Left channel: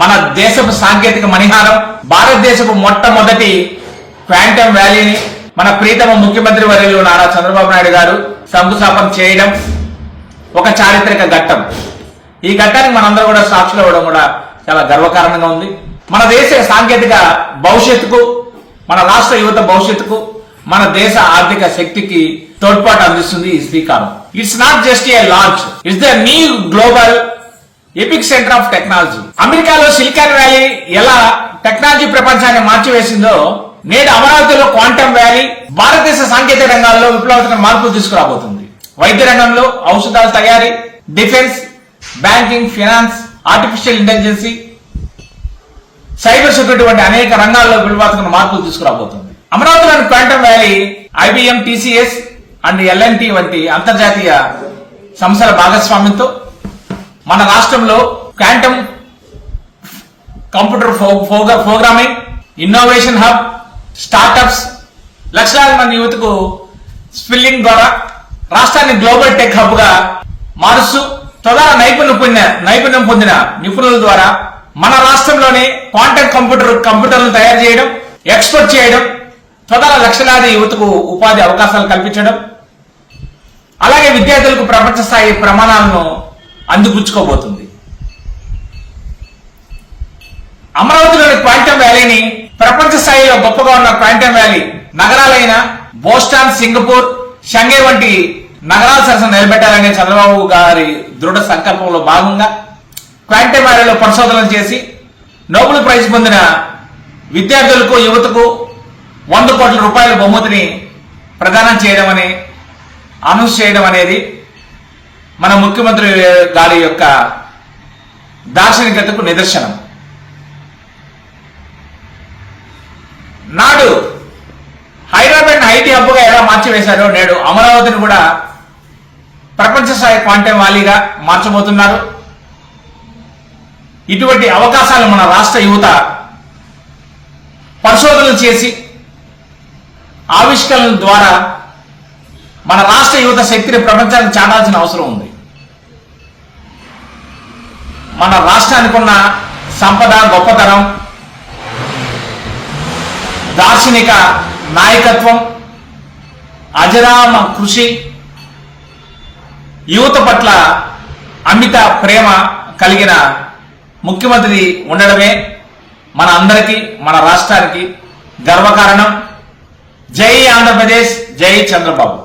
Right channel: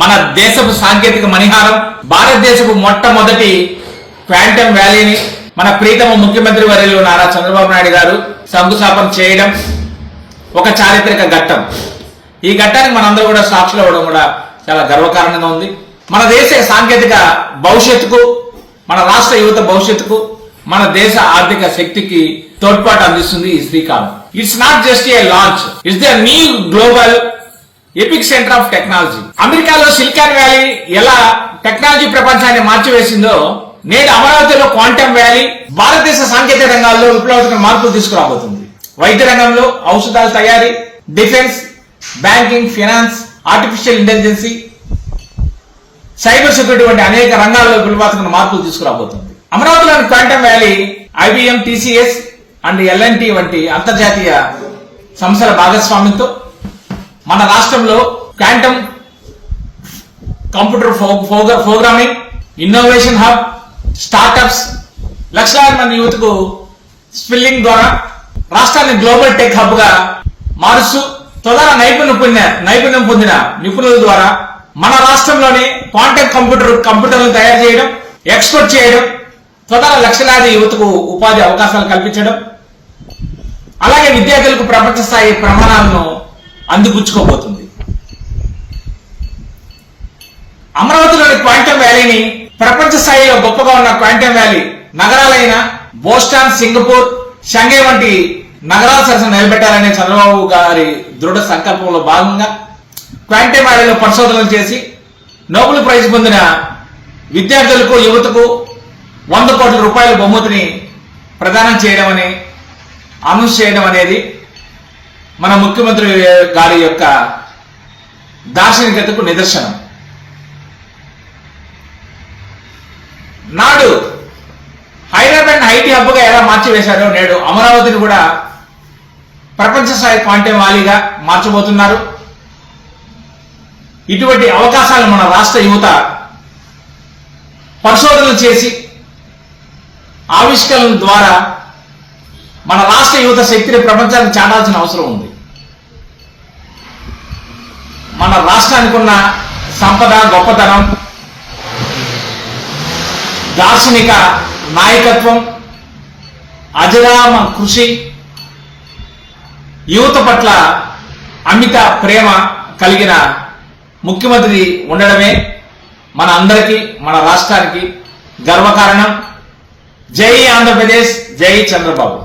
మన దేశపు సాంకేతిక మణిహారం, భారతదేశపు మొట్టమొదటి క్వాంటమ్ వ్యాలీని మన ప్రీతమ ముఖ్యమంత్రి వర్యులు నారా చంద్రబాబు నాయుడు గారు శంకుస్థాపన చేయడం ఒక చారిత్రక ఘట్టం. ఈ ఘట్టానికి మనందరూ కూడా సాక్షులు అవ్వడం కూడా చాలా గర్వకారణంగా ఉంది. మన దేశ సాంకేతిక భవిష్యత్తుకు, మన రాష్ట్ర యువత భవిష్యత్తుకు, మన దేశ ఆర్థిక శక్తికి తోడ్పాటు అందిస్తుంది ఈ శ్రీకారం. It's not just a launch, it's the new global epic centre of technology. అమెరికాలో సిలికాన్ వ్యాలీ ఎలా టెక్నాలజీ ప్రపంచాన్ని మార్చివేసిందో, నేడు అమరావతిలో క్వాంటమ్ వ్యాలీ భారతదేశ సాంకేతిక రంగాల్లో విప్లవాత్మక మార్పులు తీసుకురాబోతుంది. వైద్య రంగంలో, ఔషధాల తయారీ, defence, banking, finance, artificial intelligence, cyber security వంటి అనేక రంగాల్లో విప్లవాత్మక మార్పులు తీసుకురాబోతుంది. అమరావతిలోని quantum valley IBM, TCS and L&T వంటి అంతర్జాతీయ సంస్థల భాగస్వామ్యంతో మన రాష్ట్రంలో quantum computer programming, innovation hub, startups, లక్షలాది మంది యువతకు స్కిల్లింగ్ ద్వారా రాష్ట్రాన్ని గ్లోబల్ టెక్ హబ్ గా మారుస్తూ తొలర నైపుణ్యం పొందిన నిపుణుల ద్వారా మన రాష్ట్రంలోనే క్వాంటమ్ కంప్యూటర్లను తయారు చేయడం, ఎక్స్పోర్ట్ చేయడం, తొలర లక్షలాది యువతకు ఉపాధి అవకాశాలు కల్పించడం, అలాగే విద్యార్థులకు ప్రపంచ స్థాయి ప్రమాణాలను అందిపుచ్చుకోబోతుంది. అమరావతిలోని క్వాంటమ్ వ్యాలీని ప్రపంచ స్థాయిలో గొప్పగా ఉన్న క్వాంటమ్ వ్యాలీ నగరాలైన బోస్టన్, సింగపూర్, షంఘై వంటి నగరాల సరసన నిలబెట్టాలనే చంద్రబాబు గారి దృఢ సంకల్పంలో భాగంగా క్వాంటమ్ వ్యాలీలో పరిశోధనలు చేసి నోబెల్ ప్రైజ్ పొందిన విద్యార్థులకు, యువతకు 100 కోట్ల రూపాయల బహుమతిని ప్రదానం చేయడం అనౌన్స్ చేయడం అనేది మన ముఖ్యమంత్రి గారి యొక్క దార్శనికతకు నిదర్శనం. నాడు హైదరాబాద్ ఐటీ హబ్ గా ఎలా మార్చివేశారో నేడు అమరావతిని కూడా ప్రపంచ స్థాయి క్వాంటమ్ వ్యాలీగా మార్చబోతున్నారు. ఇటువంటి అవకాశాలు మన రాష్ట్ర యువత పరిశోధనలు చేసి ఆవిష్కరణల ద్వారా మన రాష్ట్ర యువత శక్తిని ప్రపంచానికి చాటాల్సిన అవసరం ఉంది. మన రాష్ట్రానికి ఉన్న సంపద, గొప్పతనం, దార్శనిక నాయకత్వం, అజరామ కృషి, యువత పట్ల అమిత ప్రేమ కలిగిన ముఖ్యమంత్రి ఉండడమే మన అందరికీ, మన రాష్ట్రానికి గర్వకారణం. జై ఆంధ్రప్రదేశ్, జై చంద్రబాబు.